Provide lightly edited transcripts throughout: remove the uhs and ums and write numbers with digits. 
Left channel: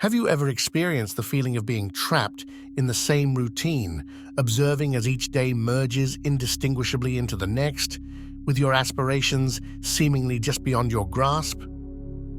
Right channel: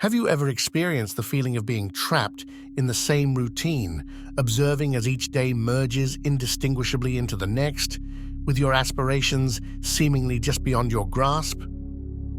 Have you ever experienced the feeling of being trapped in the same routine, observing as each day merges indistinguishably into the next, with your aspirations seemingly just beyond your grasp?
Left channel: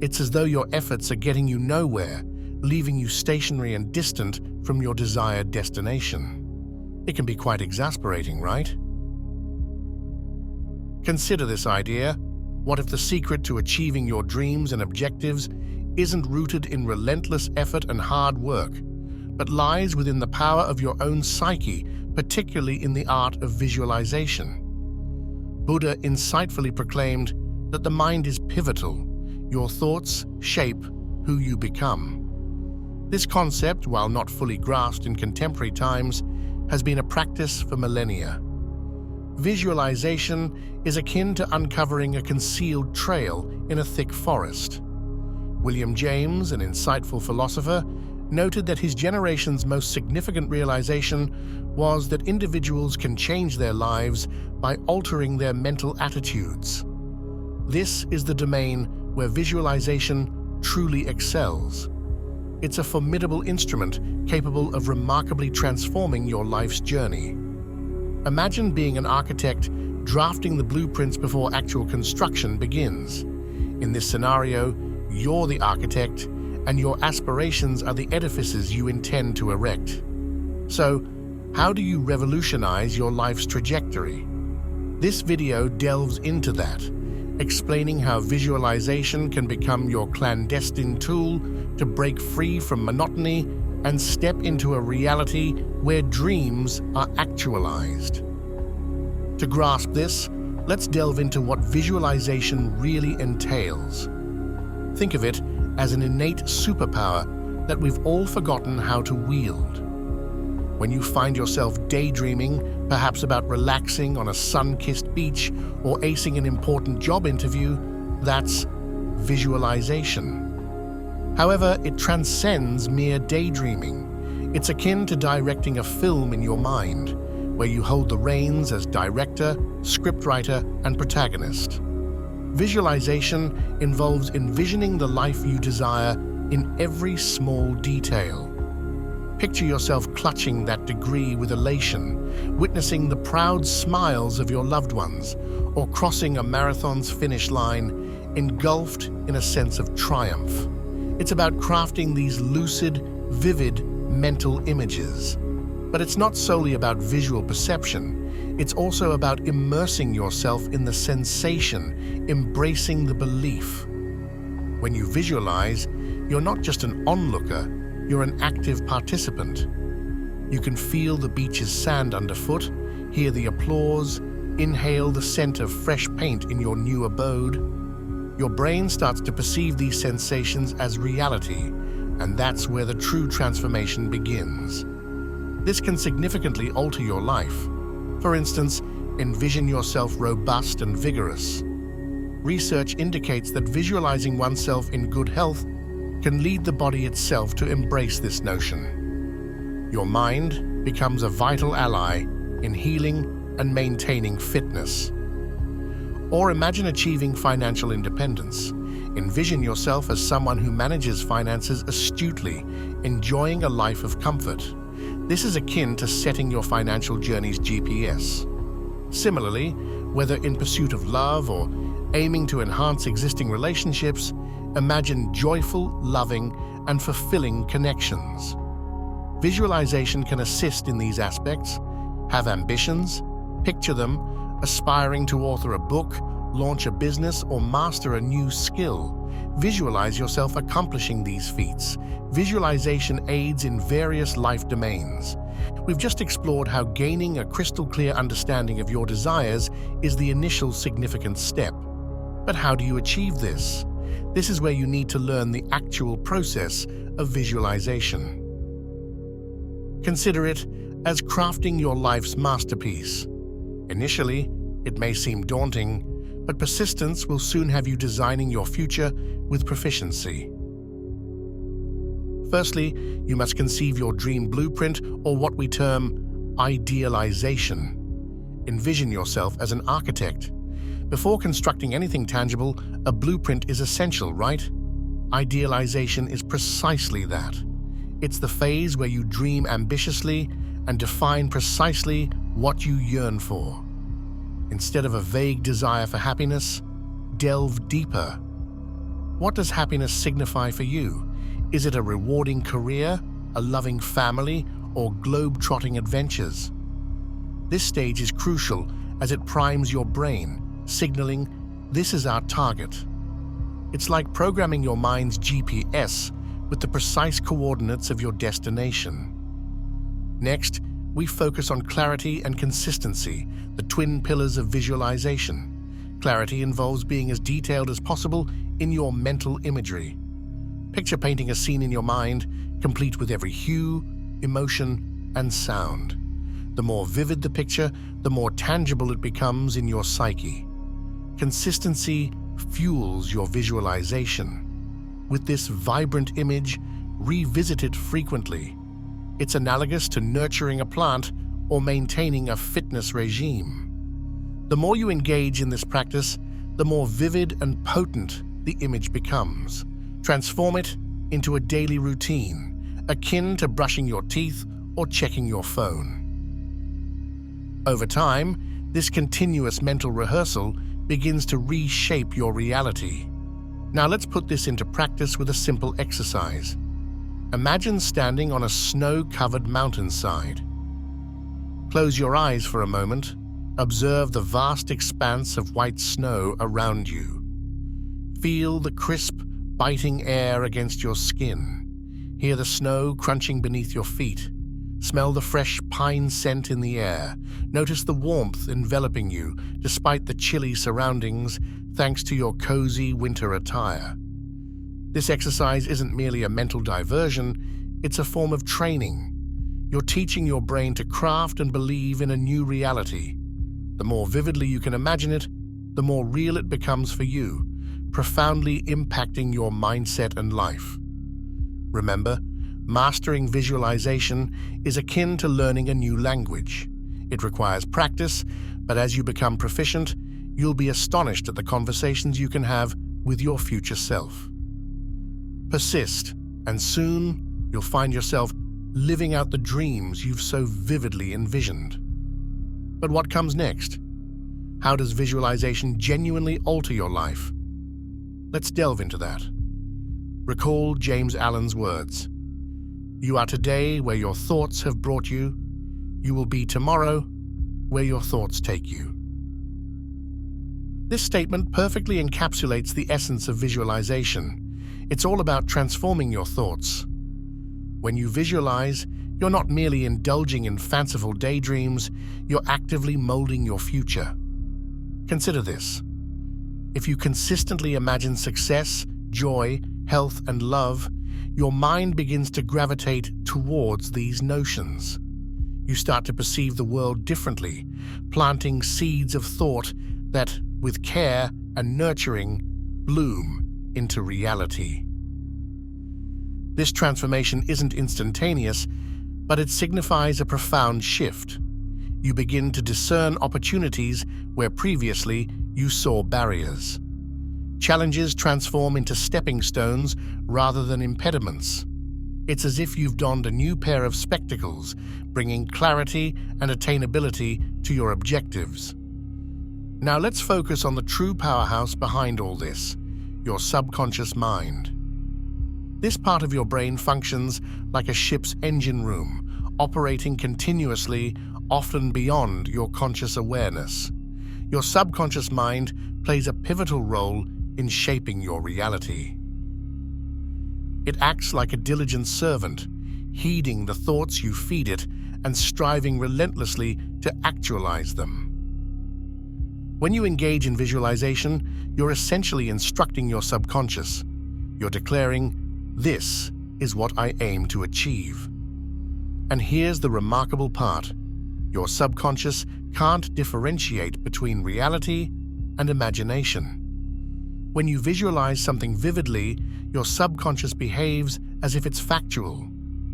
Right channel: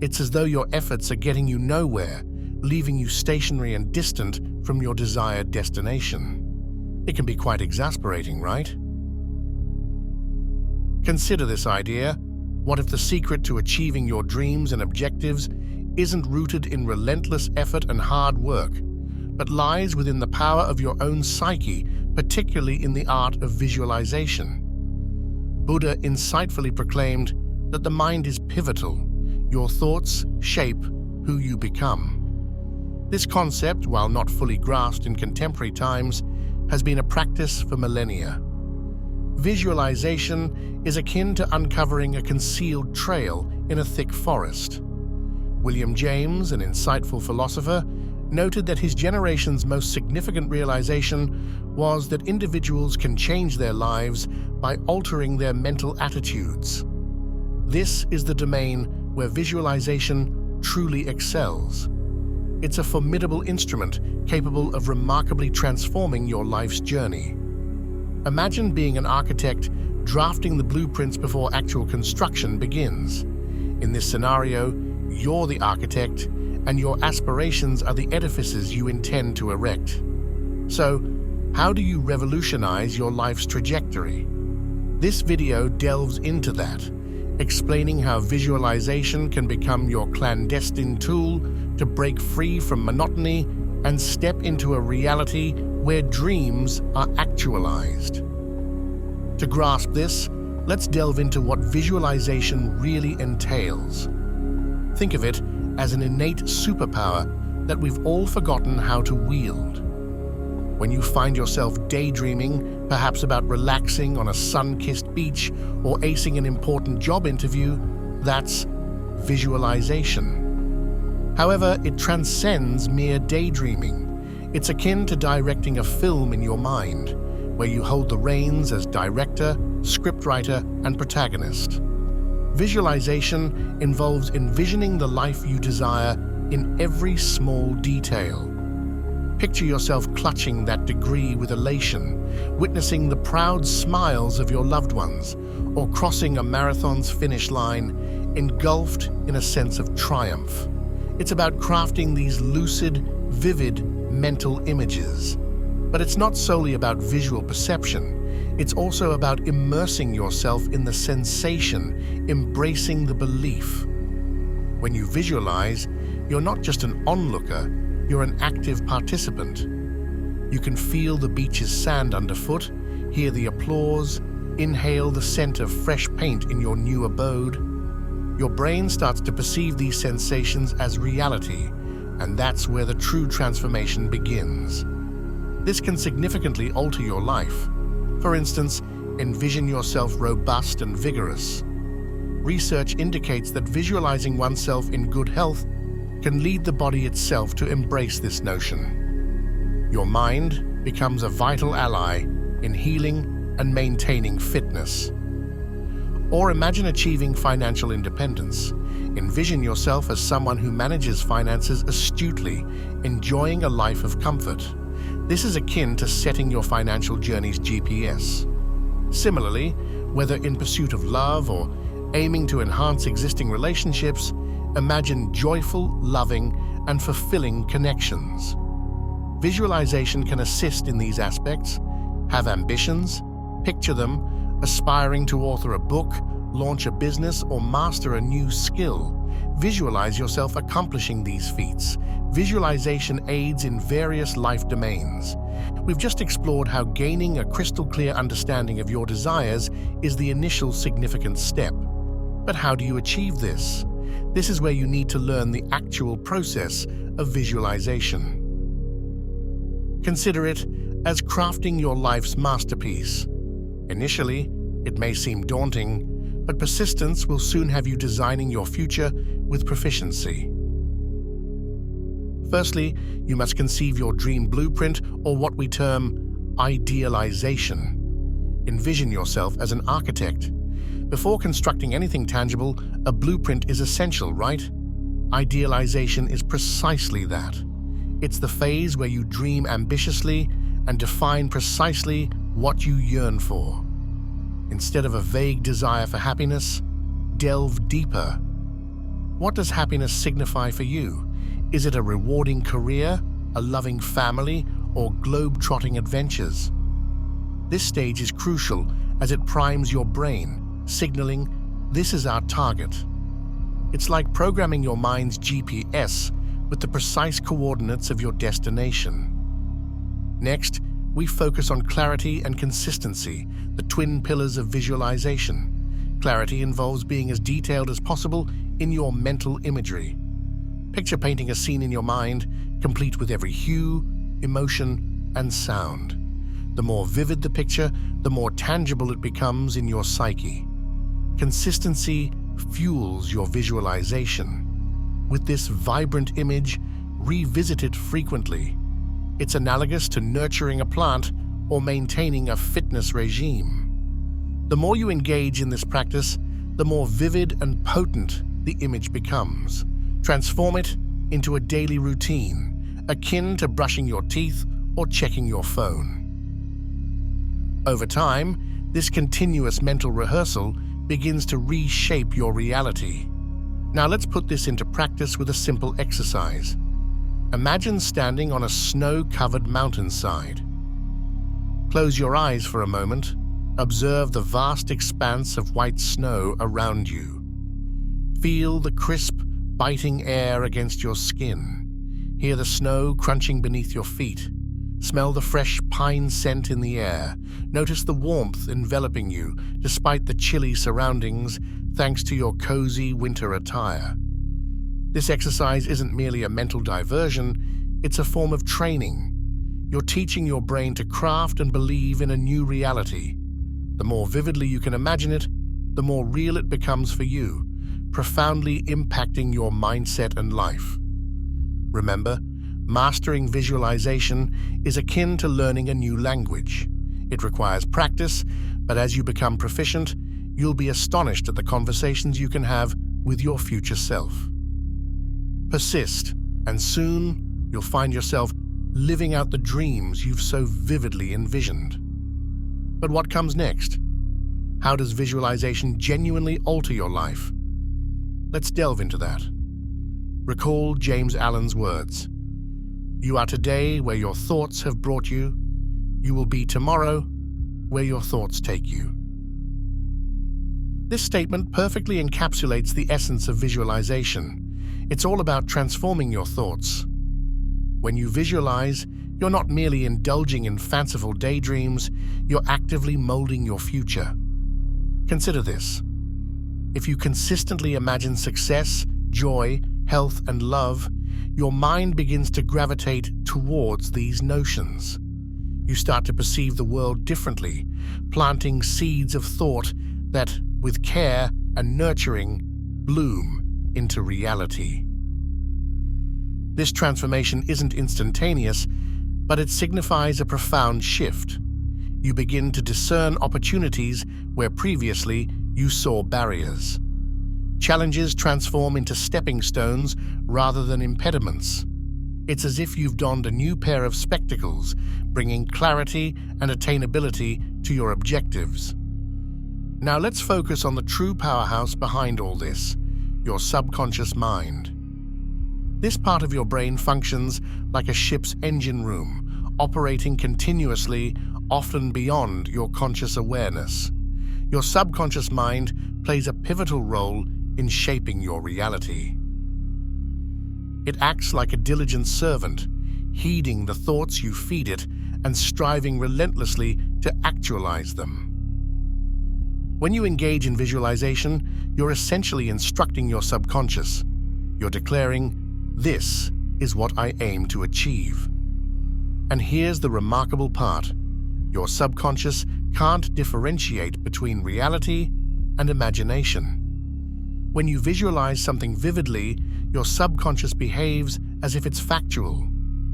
It's as though your efforts are getting you nowhere, leaving you stationary and distant from your desired destination. It can be quite exasperating, right? Consider this idea. What if the secret to achieving your dreams and objectives isn't rooted in relentless effort and hard work, but lies within the power of your own psyche, particularly in the art of visualization? Buddha insightfully proclaimed that the mind is pivotal. Your thoughts shape who you become. This concept, while not fully grasped in contemporary times, has been a practice for millennia. Visualization is akin to uncovering a concealed trail in a thick forest. William James, an insightful philosopher, noted that his generation's most significant realization was that individuals can change their lives by altering their mental attitudes. This is the domain where visualization truly excels. It's a formidable instrument capable of remarkably transforming your life's journey. Imagine being an architect drafting the blueprints before actual construction begins. In this scenario, you're the architect, and your aspirations are the edifices you intend to erect. So, how do you revolutionize your life's trajectory? This video delves into that, explaining how visualization can become your clandestine tool to break free from monotony and step into a reality where dreams are actualized. To grasp this, let's delve into what visualization really entails. Think of it as an innate superpower that we've all forgotten how to wield. When you find yourself daydreaming, perhaps about relaxing on a sun-kissed beach or acing an important job interview, that's visualization. However, it transcends mere daydreaming. It's akin to directing a film in your mind, where you hold the reins as director, scriptwriter, and protagonist. Visualization involves envisioning the life you desire in every small detail. Picture yourself clutching that degree with elation, witnessing the proud smiles of your loved ones, or crossing a marathon's finish line, engulfed in a sense of triumph. It's about crafting these lucid, vivid mental images. But it's not solely about visual perception. It's also about immersing yourself in the sensation, embracing the belief. When you visualize, you're not just an onlooker, you're an active participant. You can feel the beach's sand underfoot, hear the applause, inhale the scent of fresh paint in your new abode. Your brain starts to perceive these sensations as reality, and that's where the true transformation begins. This can significantly alter your life. For instance, envision yourself robust and vigorous. Research indicates that visualizing oneself in good health can lead the body itself to embrace this notion. Your mind becomes a vital ally in healing and maintaining fitness. Or imagine achieving financial independence. Envision yourself as someone who manages finances astutely, enjoying a life of comfort. This is akin to setting your financial journey's GPS. Similarly, whether in pursuit of love or aiming to enhance existing relationships, imagine joyful, loving, and fulfilling connections. Visualization can assist in these aspects. Have ambitions? Picture them, aspiring to author a book, launch a business, or master a new skill. Visualize yourself accomplishing these feats. Visualization aids in various life domains. We've just explored how gaining a crystal-clear understanding of your desires is the initial significant step. But how do you achieve this? This is where you need to learn the actual process of visualization. Consider it as crafting your life's masterpiece. Initially, it may seem daunting, but persistence will soon have you designing your future with proficiency. Firstly, you must conceive your dream blueprint, or what we term idealization. Envision yourself as an architect. Before constructing anything tangible, a blueprint is essential, right? Idealization is precisely that. It's the phase where you dream ambitiously and define precisely what you yearn for. Instead of a vague desire for happiness, delve deeper. What does happiness signify for you? Is it a rewarding career, a loving family, or globe-trotting adventures? This stage is crucial as it primes your brain, signaling, "This is our target." It's like programming your mind's GPS with the precise coordinates of your destination. Next, we focus on clarity and consistency, the twin pillars of visualization. Clarity involves being as detailed as possible in your mental imagery. Picture painting a scene in your mind, complete with every hue, emotion, and sound. The more vivid the picture, the more tangible it becomes in your psyche. Consistency fuels your visualization. With this vibrant image, revisit it frequently. It's analogous to nurturing a plant or maintaining a fitness regime. The more you engage in this practice, the more vivid and potent the image becomes. Transform it into a daily routine, akin to brushing your teeth or checking your phone. Over time, this continuous mental rehearsal begins to reshape your reality. Now let's put this into practice with a simple exercise. Imagine standing on a snow-covered mountainside. Close your eyes for a moment. Observe the vast expanse of white snow around you. Feel the crisp, biting air against your skin. Hear the snow crunching beneath your feet. Smell the fresh pine scent in the air. Notice the warmth enveloping you, despite the chilly surroundings, thanks to your cozy winter attire. This exercise isn't merely a mental diversion, it's a form of training. You're teaching your brain to craft and believe in a new reality. The more vividly you can imagine it, the more real it becomes for you, profoundly impacting your mindset and life. Remember, mastering visualization is akin to learning a new language. It requires practice, but as you become proficient, you'll be astonished at the conversations you can have with your future self. Persist, and soon you'll find yourself living out the dreams you've so vividly envisioned. But what comes next? How does visualization genuinely alter your life? Let's delve into that. Recall James Allen's words. You are today where your thoughts have brought you. You will be tomorrow where your thoughts take you. This statement perfectly encapsulates the essence of visualization. It's all about transforming your thoughts. When you visualize, you're not merely indulging in fanciful daydreams, you're actively molding your future. Consider this. If you consistently imagine success, joy, health, and love, your mind begins to gravitate towards these notions. You start to perceive the world differently, planting seeds of thought that, with care and nurturing, bloom into reality. This transformation isn't instantaneous, but it signifies a profound shift. You begin to discern opportunities where previously you saw barriers. Challenges transform into stepping stones rather than impediments. It's as if you've donned a new pair of spectacles, bringing clarity and attainability to your objectives. Now let's focus on the true powerhouse behind all this, your subconscious mind. This part of your brain functions like a ship's engine room, operating continuously, often beyond your conscious awareness. Your subconscious mind plays a pivotal role in shaping your reality. It acts like a diligent servant, heeding the thoughts you feed it and striving relentlessly to actualize them. When you engage in visualization, you're essentially instructing your subconscious. You're declaring, "This is what I aim to achieve." And here's the remarkable part. Your subconscious can't differentiate between reality and imagination. When you visualize something vividly, your subconscious behaves as if it's factual.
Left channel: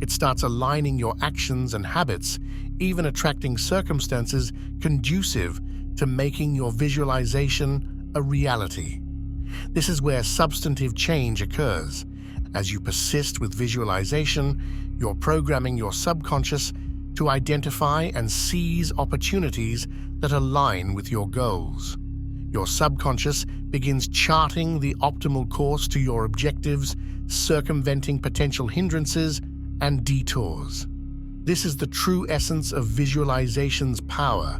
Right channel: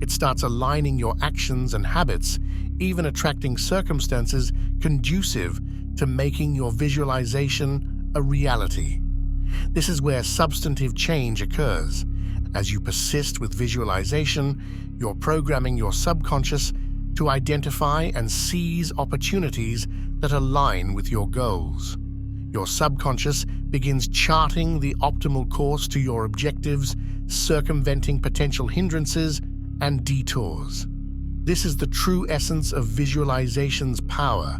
It starts aligning your actions and habits, even attracting circumstances conducive to making your visualization a reality. This is where substantive change occurs. As you persist with visualization, you're programming your subconscious to identify and seize opportunities that align with your goals. Your subconscious begins charting the optimal course to your objectives, circumventing potential hindrances and detours. This is the true essence of visualization's power.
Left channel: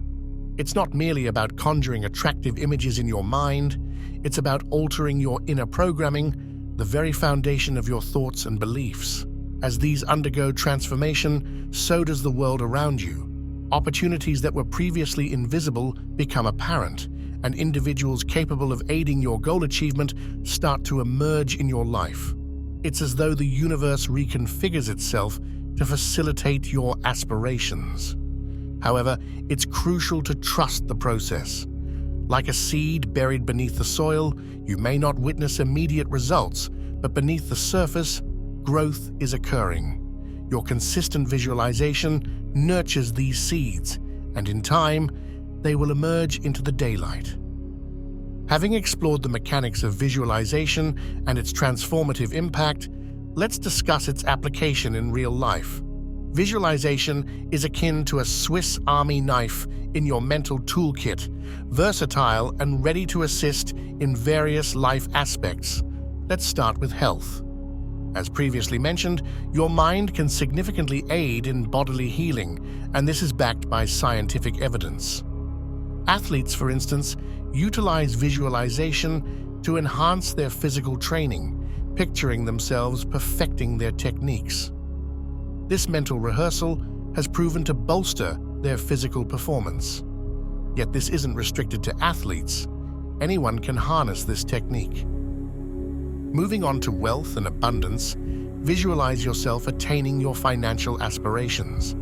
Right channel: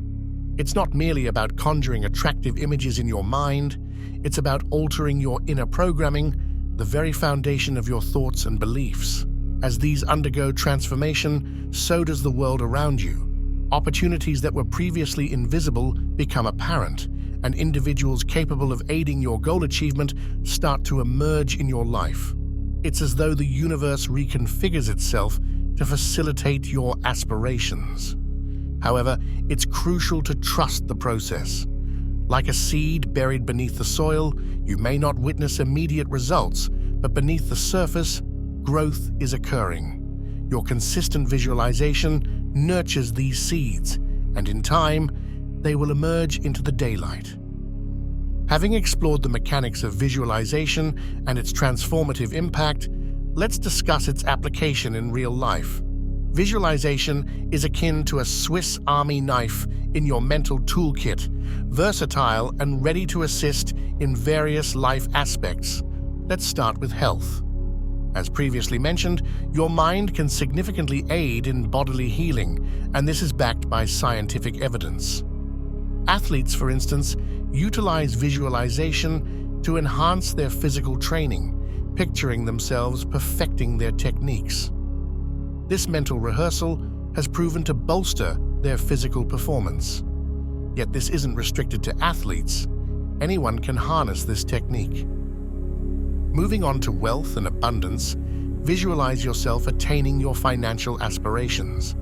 It's not merely about conjuring attractive images in your mind, it's about altering your inner programming, the very foundation of your thoughts and beliefs. As these undergo transformation, so does the world around you. Opportunities that were previously invisible become apparent, and individuals capable of aiding your goal achievement start to emerge in your life. It's as though the universe reconfigures itself to facilitate your aspirations. However, it's crucial to trust the process. Like a seed buried beneath the soil, you may not witness immediate results, but beneath the surface, growth is occurring. Your consistent visualization nurtures these seeds, and in time, they will emerge into the daylight. Having explored the mechanics of visualization and its transformative impact, let's discuss its application in real life. Visualization is akin to a Swiss Army knife in your mental toolkit, versatile and ready to assist in various life aspects. Let's start with health. As previously mentioned, your mind can significantly aid in bodily healing, and this is backed by scientific evidence. Athletes, for instance, utilize visualization to enhance their physical training, picturing themselves perfecting their techniques. This mental rehearsal has proven to bolster their physical performance. Yet this isn't restricted to athletes. Anyone can harness this technique. Moving on to wealth and abundance, visualize yourself attaining your financial aspirations.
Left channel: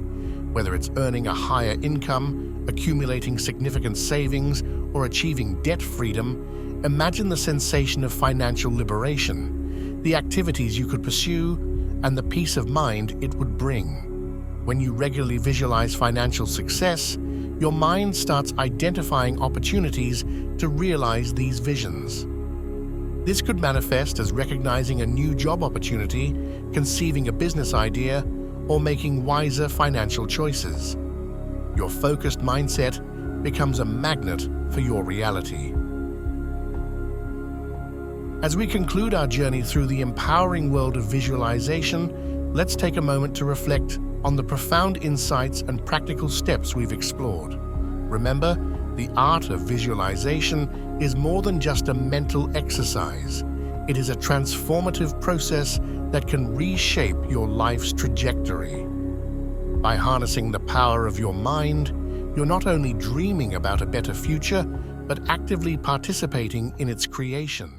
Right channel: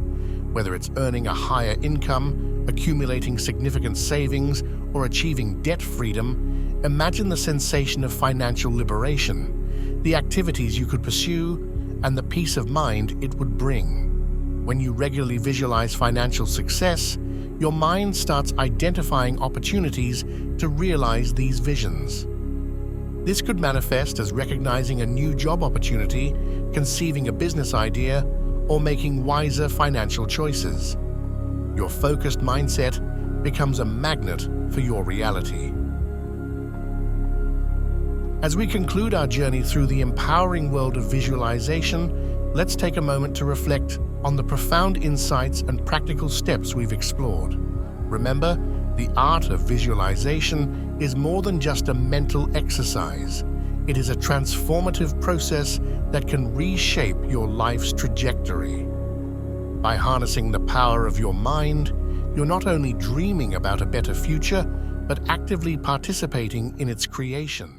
Whether it's earning a higher income, accumulating significant savings, or achieving debt freedom, imagine the sensation of financial liberation, the activities you could pursue, and the peace of mind it would bring. When you regularly visualize financial success, your mind starts identifying opportunities to realize these visions. This could manifest as recognizing a new job opportunity, conceiving a business idea, or making wiser financial choices. Your focused mindset becomes a magnet for your reality. As we conclude our journey through the empowering world of visualization, let's take a moment to reflect on the profound insights and practical steps we've explored. Remember, the art of visualization is more than just a mental exercise. It is a transformative process that can reshape your life's trajectory. By harnessing the power of your mind, you're not only dreaming about a better future, but actively participating in its creation.